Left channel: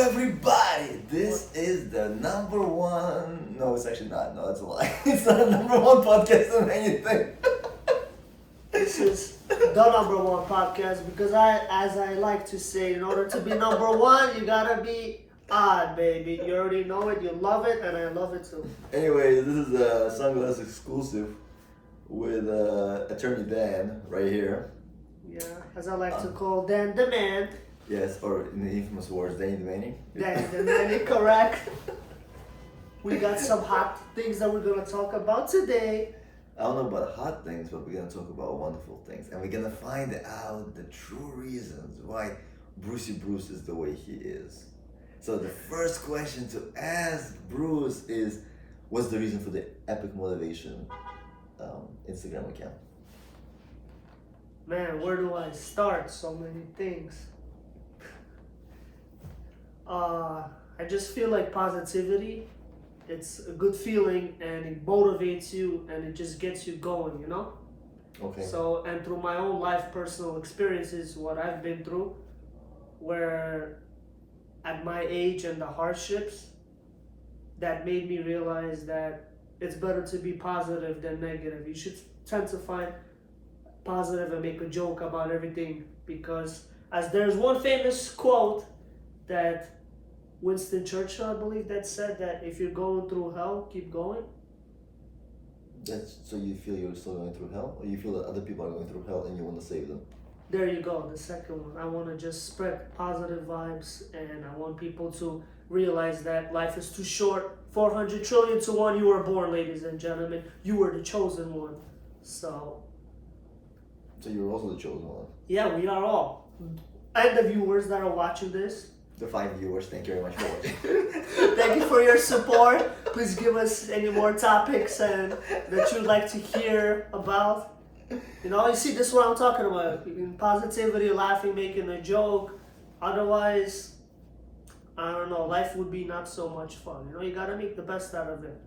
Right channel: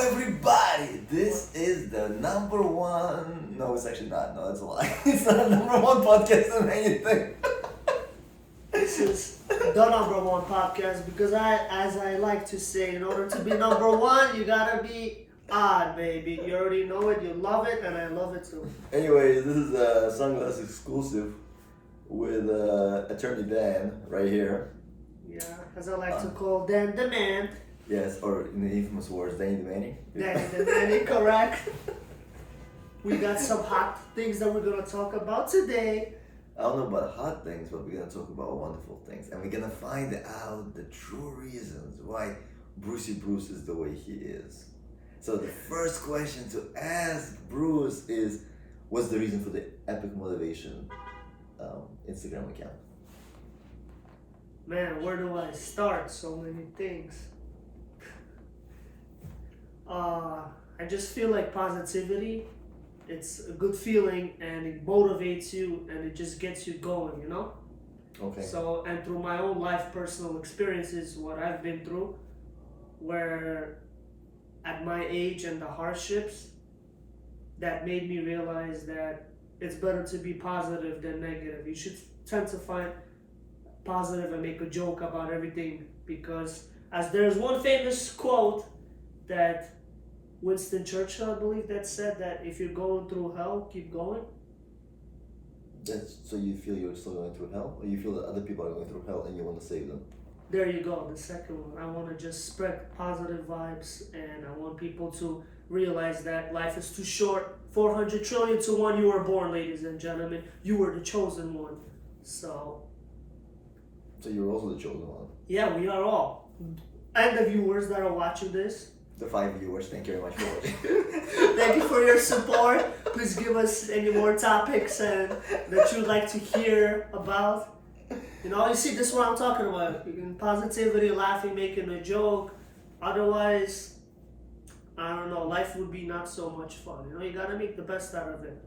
everybody? This is the number one. No, it's actually not. No, that's a lie. It's not the number one podcast in anything. This is the number one podcast because as I like to say, in order to be number one, you gotta be odd, baby. You already know it, you love it, and I love it too. Anyway, this is a Sunglass exclusive with Attorney Dan right here. Yeah, as I like to call Dan the Man. Yes, or in the infamous words, Danny the Manny. Danny the Man, correct. We got some hot things that we're gonna talk about today. I don't know about hot things, but we're gonna talk about wonderful things, and we're gonna find out the true reasons why Brucey Bruce is the way he is. So the first question to ask Bruce is, what's the reason for the Epic Motivation Instagram account? Man, where do I start? So many things. I just feel like positivity. It's a good feeling and it motivates you and it just gets you going, you know? Okay. So, and through my own life, personal experiences, what I've been through, where at my age and the hardships, that made me realize that it's better to be positive than negative. You should tend to find positive and make a joke about everything, because as there's one famous quote that Winston Churchill, I believe, that said that if you're going through hell, keep going. So you feel you're still going through hell, or you feel that other people are going through hell and you want to save them? There you go, the second one. I want to just spread positive vibes, and I want people to realize that life is too short. 400 trillion to one, you were born, ladies and gentlemen. You were the chosen one. So you're also the chosen one. yeah, we are all. And the viewers that are watching this, The 5 viewers, thank you very much for watching. thank you for your support. Please give us any more topics and that you'd like to hear about. You know, you see, this is what I'm talking about. Positivity, laughing, making a joke. Otherwise, I don't know, life would be not so much fun. You know, you gotta make the best out of it.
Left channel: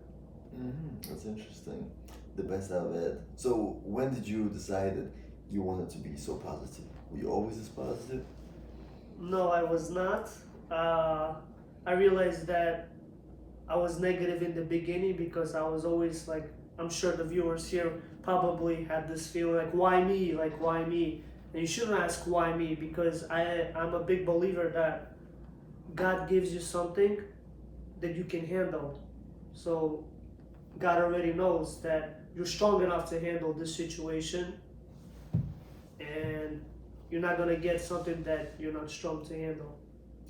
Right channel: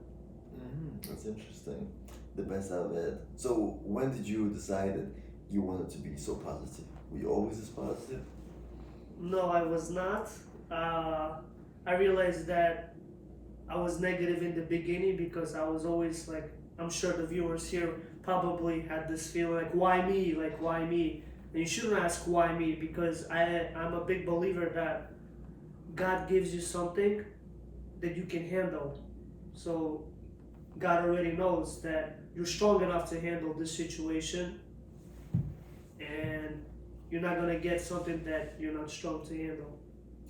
That's interesting. The best out of it. So when did you decide that you wanted to be so positive? Were you always this positive? No, I was not. I realized that I was negative in the beginning because I was always like, I'm sure the viewers here probably had this feeling like, why me? Like, why me? And you shouldn't ask why me, because I'm a big believer that God gives you something that you can handle. So God already knows that you're strong enough to handle this situation, and you're not gonna get something that you're not strong to handle.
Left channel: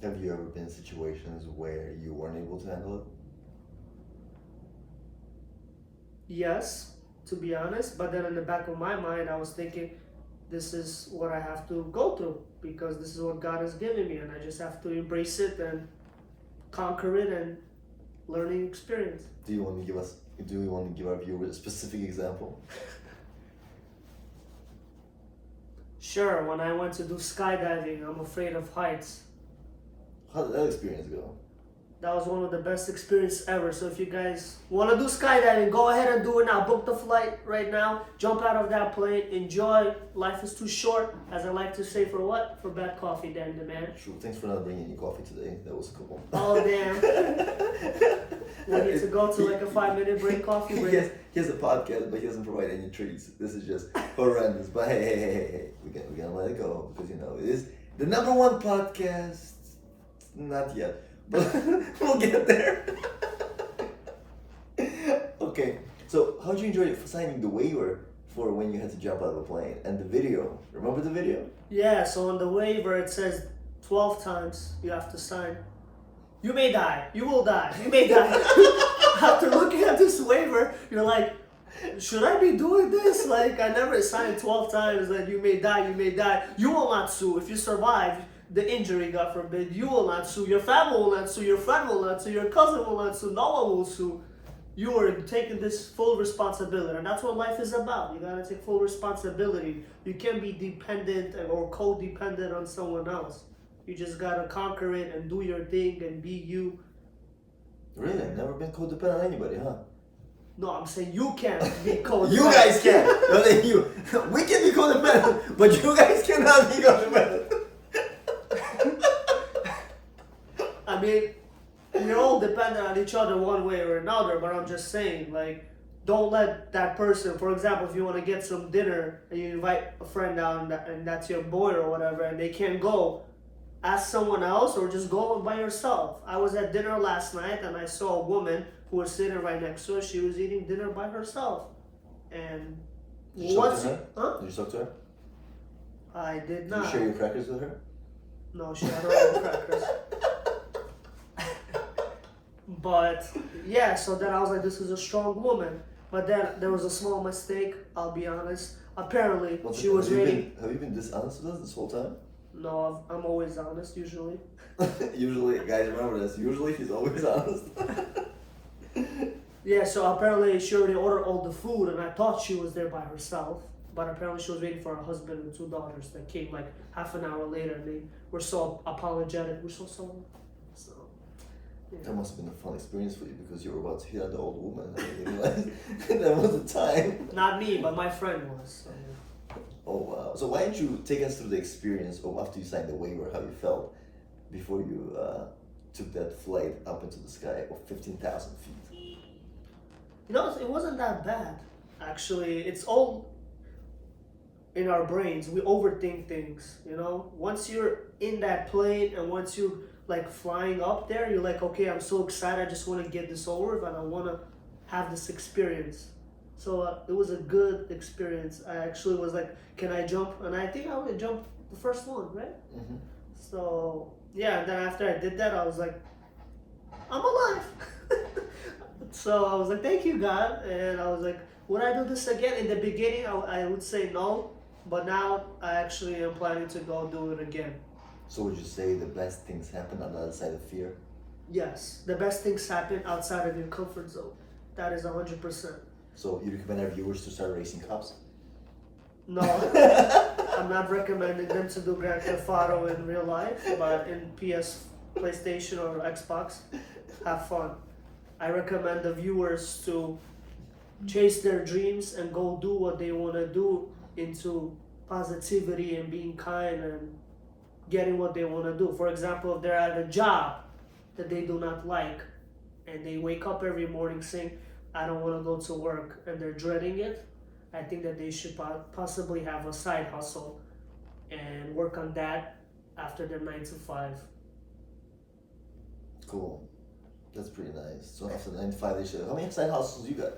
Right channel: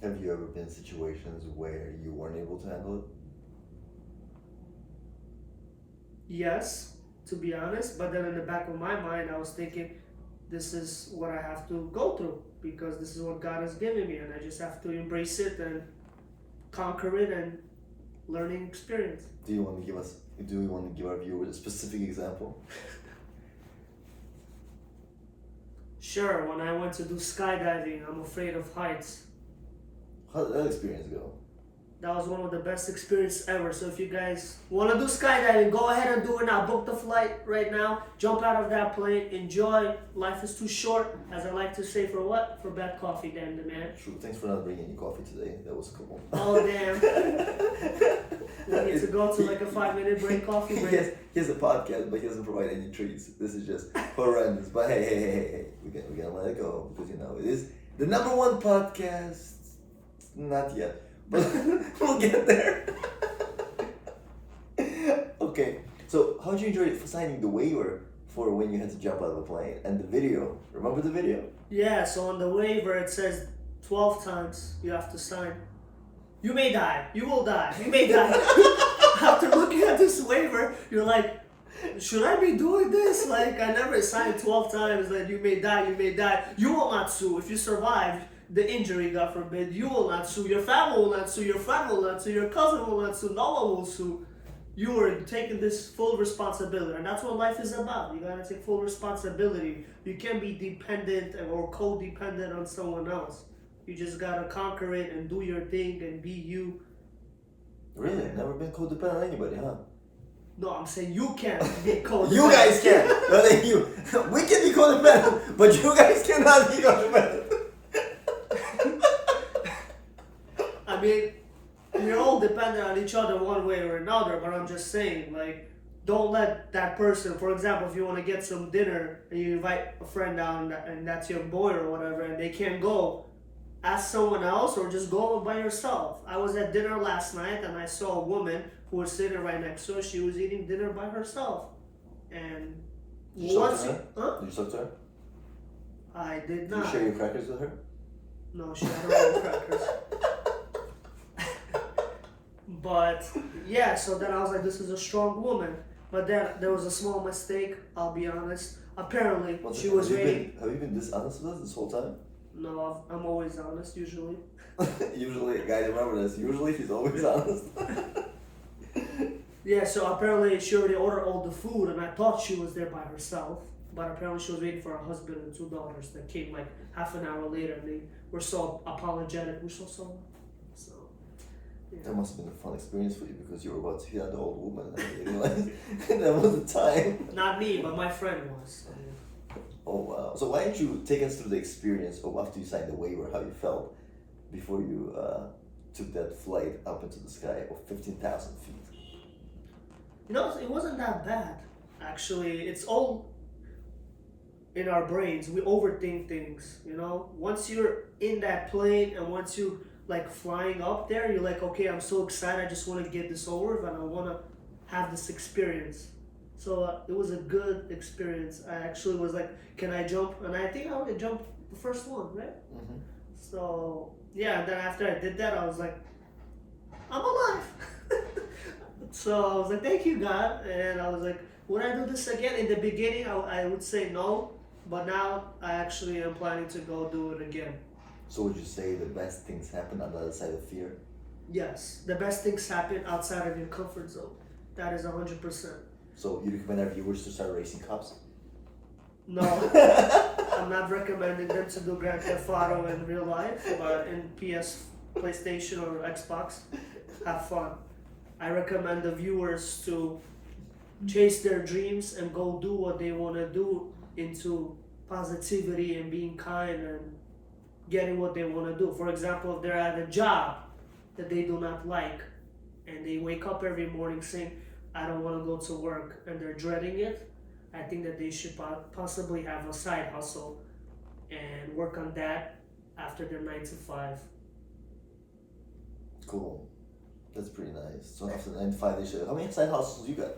Have you ever been in situations where you weren't able to handle it? Yes, to be honest, but then in the back of my mind, I was thinking, this is what I have to go through because this is what God has given me, and I just have to embrace it and conquer it and learning experience. Do you want to give our viewers a specific example? Sure, when I went to do skydiving, I'm afraid of heights. How did that experience go? That was one of the best experiences ever. So if you guys want to do skydiving, go ahead and do it now. Book the flight right now. Jump out of that plane. Enjoy. Life is too short, as I like to say, for what? For bad coffee, Dan the Man. True. Thanks for not bringing any coffee today. That was cool. Oh, damn. We need to go to like a 5-minute break, coffee break. He has a podcast, but he doesn't provide any treats. This is just horrendous. But hey. We're gonna let it go because, you know, it is the number one podcast. Not yet. But we'll get there. Okay, so how did you enjoy signing the waiver for when you had to jump out of the plane and the video? Remember the video? Yeah, so on the waiver it says 12 times you have to sign. You may die. You will die. You may die. After looking at this waiver, you're like, should I be doing this? Like, I never signed 12 times that you may die, you may die. You will not sue. If you survive the injury, God forbid, you will not sue. Your family will not sue. Your friend will not sue. Your cousin will not sue. No one will sue. You are taking this full responsibility. And that's what life is about. You gotta take full responsibility. You can't be dependent or codependent on someone else. You just gotta conquer it and do your thing and be you. Really? Never been codependent on anybody, huh? No, I'm saying you can't be codependent. You guys can. No, than you. We can be codependent, but you guys cannot be codependent. I each other one way or another, but I'm just saying, like, don't let that person, for example, if you want to get some dinner and you invite a friend down and that's your boy or whatever, and they can't go, ask someone else or just go by yourself. I was at dinner last night and I saw a woman who was sitting right next to her. She was eating dinner by herself. And Did you talk once to her? huh? Did you talk to her? I did Did not. you share your crackers with her? No, she had her own crackers. But yeah, so then I was like, this is a strong woman. But then there was a small mistake, I'll be honest. Apparently, she was reading. Have you been dishonest with us this whole time? No, I'm always honest, usually. Usually, guys, remember this. Usually, he's always honest. Yeah, so apparently she already ordered all the food, and I thought she was there by herself. But apparently she was waiting for her husband and 2 daughters that came like half an hour later, and they were so apologetic. We're so sorry. So, yeah. That must have been a fun experience for you because you were about to hit on the old woman and you realized that was the time. Not me, but my friend was. So, yeah. Oh wow! So why didn't you take us through the experience of after you signed the waiver, how you felt before you took that flight up into the sky of 15,000 feet? You know, it wasn't that bad. Actually, it's all in our brains. We overthink things, you know? Once you're in that plane and once you like flying up there, you're like, okay, I'm so excited. I just want to get this over with and I want to have this experience. So it was a good experience. I actually was like, can I jump? And I think I would jump the first one, right? Mm-hmm. So yeah, and then after I did that, I was like, I'm alive. So I was like, thank you, God. And I was like, would I do this again? In the beginning, I would say no. But now I actually am planning to go do it again. So would you say the best things happen on the other side of fear? Yes, the best things happen outside of your comfort zone. That is 100%. So you recommend our viewers to start racing cops? No, I'm not recommending them to do Grand Theft Auto in real life, but in PS, PlayStation, or Xbox, have fun. I recommend the viewers to chase their dreams and go do what they want to do into positivity and being kind and getting what they want to do. For example, if they're at a job that they do not like and they wake up every morning saying, I don't want to go to work, and they're dreading it, I think that they should possibly have a side hustle and work on that after their 9 to 5. Cool. That's pretty nice. So after 9 to 5, they should. How many side hustles you got?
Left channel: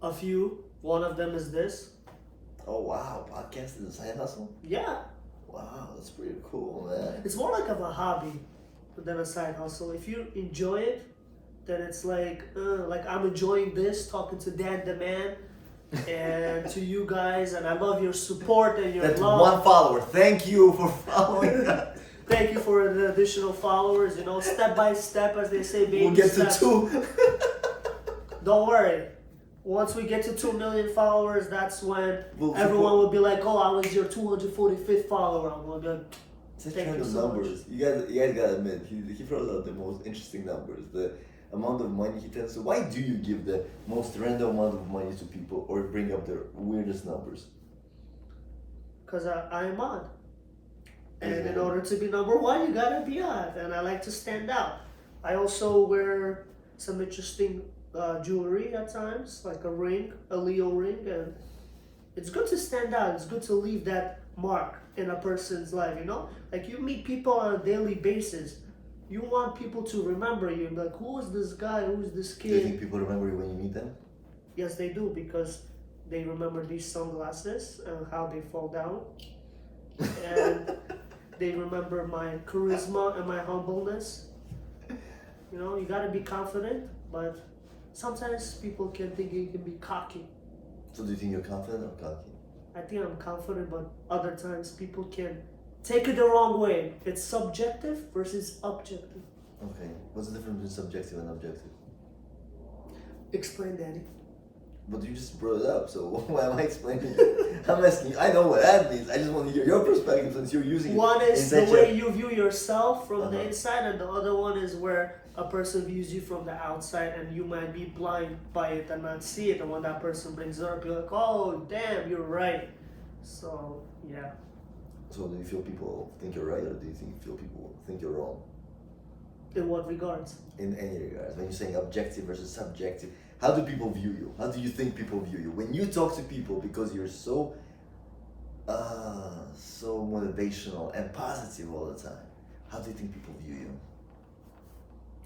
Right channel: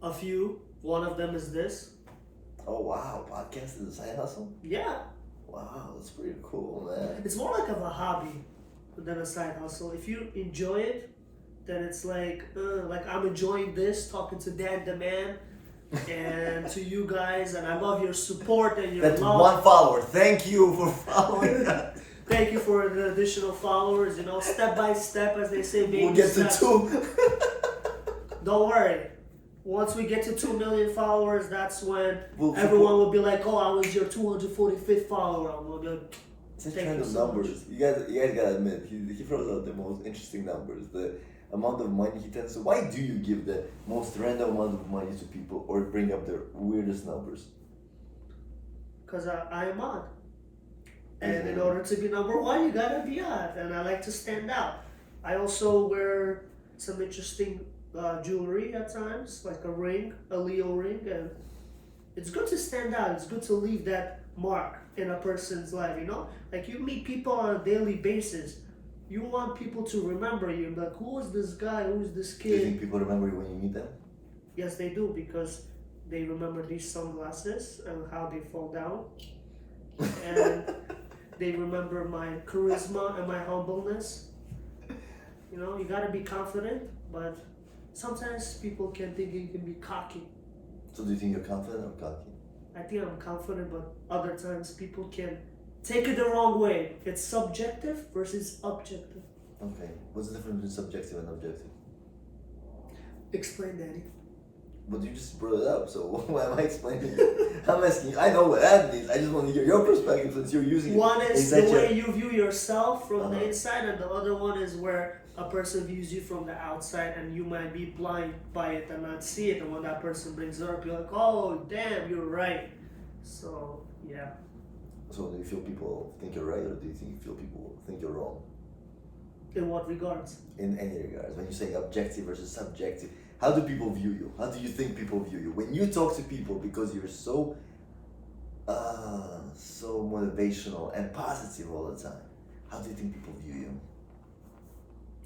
A few. One of them is this. Oh wow, podcast is a side hustle? Yeah. Wow, that's pretty cool, man. It's more like of a hobby than a side hustle. If you enjoy it, then it's like I'm enjoying this, talking to Dan the Man and to you guys, and I love your support and your That's love. 1 follower. Thank you for following us. Thank you for the additional followers, you know, step by step, as they say, baby We'll get to steps. 2. Don't worry. Once we get to 2 million followers, that's when We'll everyone support- will be like, oh, I was your 245th follower. I'm going to be like, Such Thank you random so numbers. You guys gotta admit, he throws out the most interesting numbers. The amount of money he tends to. Why do you give the most random amount of money to people or bring up their weirdest numbers? because I am odd. And in Mhm. order to be number one, you gotta be odd. And I like to stand out. I also wear some interesting jewelry at times, like a ring, a Leo ring. And it's good to stand out. It's good to leave that mark in a person's life, you know? Like you meet people on a daily basis. You want people to remember you. Like, who is this guy? Who is this Do you kid? think people remember you when you meet them? Yes, they do, because they remember these sunglasses and how they fall down. And they remember my charisma and my humbleness. You know, you gotta be confident, but sometimes people can think you can be cocky. So do you think you're confident or cocky? I think I'm confident, but other times people can take it the wrong way. It's subjective versus objective. Okay. What's the difference between subjective and objective? Explain, Daddy. But you just brought it up, so why am I explaining it? I'm asking you. I know what that means. I just want to hear your perspective since you're using it. One is in the such way a- you view yourself from the Uh-huh. inside, and the other one is where a person views you from the outside, and you might be blind by it and not see it. And when that person brings it up, you're like, "Oh, damn, you're right." So yeah, So do you feel people think you're right, or do you feel people think you're wrong? In what regards? In any regards, when you're saying objective versus subjective, how do people view you? How do you think people view you? When you talk to people, because you're so motivational and positive all the time, how do you think people view you?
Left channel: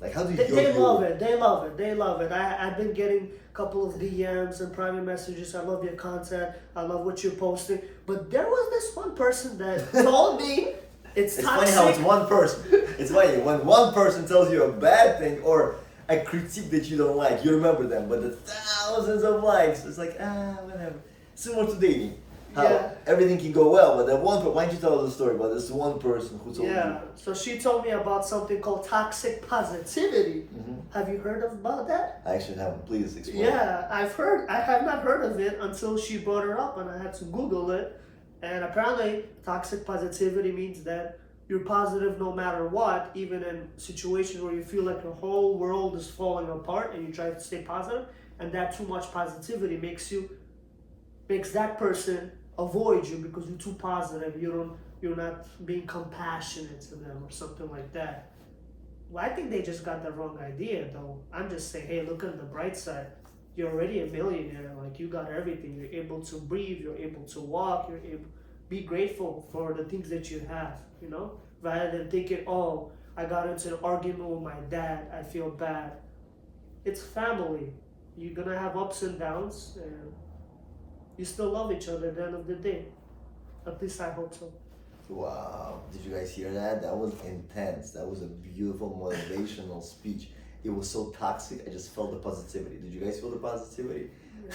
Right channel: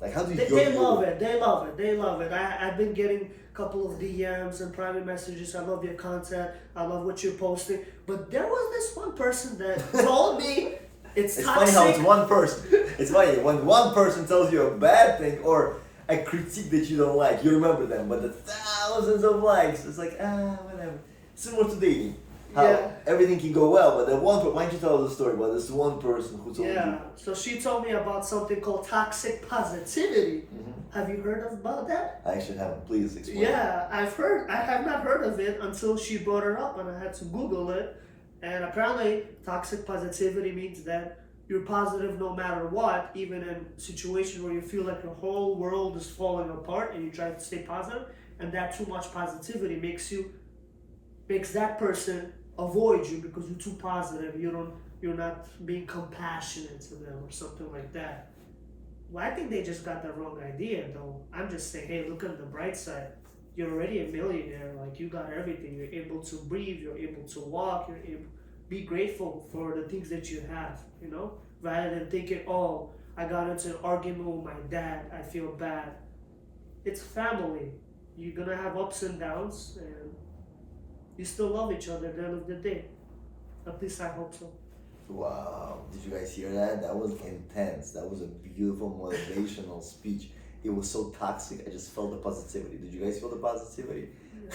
Like, how do you? They love it. They love it. They love it. I've been getting a couple of DMs and private messages. I love your content. I love what you're posting. But there was this one person that told me it's toxic. Funny how it's one person. It's funny when one person tells you a bad thing or a critique that you don't like, you remember them. But the thousands of likes, it's like whatever. Similar to dating. How everything can go well, but why don't you tell us the story about this one person who told you? Yeah, so she told me about something called toxic positivity. Mm-hmm. Have you heard about that? I actually haven't. Please explain. Yeah, I have not heard of it until she brought it up and I had to Google it. And apparently, toxic positivity means that you're positive no matter what, even in situations where you feel like your whole world is falling apart and you try to stay positive. And that too much positivity makes that person avoid you because you're too positive. You're not being compassionate to them or something like that. Well, I think they just got the wrong idea though. I'm just saying, hey, look on the bright side. You're already a millionaire. Like, you got everything. You're able to breathe. You're able to walk. You're able be grateful for the things that you have, you know? Rather than thinking, oh, I got into an argument with my dad. I feel bad. It's family. You're gonna have ups and downs, and you still love each other at the end of the day. At least I hope so. Wow. Did you guys hear that? That was intense. That was a beautiful motivational speech. It was so toxic. I just felt the positivity. Did you guys feel the positivity?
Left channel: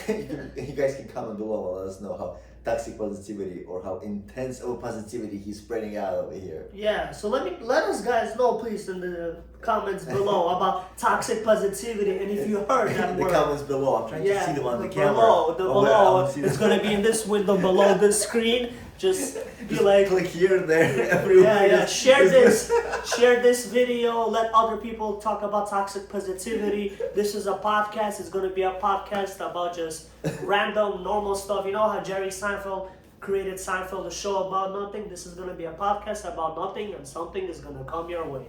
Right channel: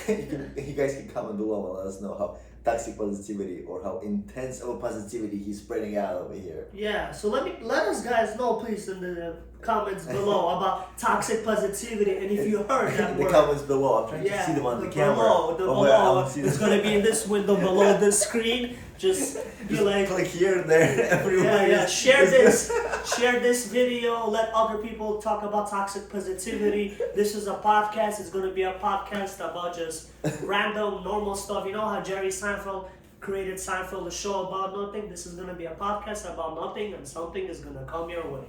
Yeah. You guys can comment below and let us know how toxic positivity or how intense of a positivity he's spreading out over here. Yeah, so let us guys know please in the comments below about toxic positivity, and if you heard that in the word. comments below. I'm trying to see them on the camera. Below, it's gonna be in this window below the screen. Just be like, click here, there, everywhere. Yeah. Share this video. Let other people talk about toxic positivity. This is a podcast. It's gonna be a podcast about just random, normal stuff. You know how Jerry Seinfeld created Seinfeld, a show about nothing. This is gonna be a podcast about nothing, and something is gonna come your way.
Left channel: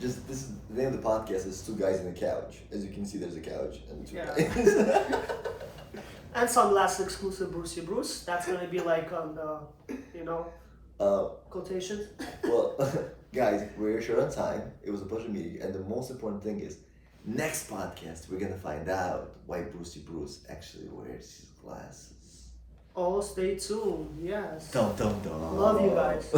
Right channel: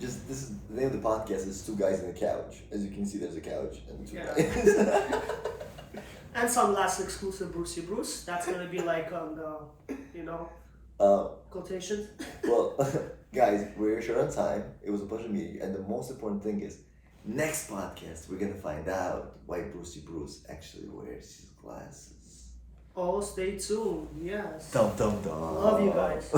This is the name of the podcast is Two Guys in a Couch. As you can see, there's a couch and two Yeah. guys. And some last exclusive Brucey Bruce. That's gonna be like on the, quotations. Well, guys, we're short on time. It was a pleasure meeting, and the most important thing is, next podcast we're gonna find out why Brucey Bruce actually wears his glasses. Oh, stay tuned. Yes. Dum dum dum. Love you guys.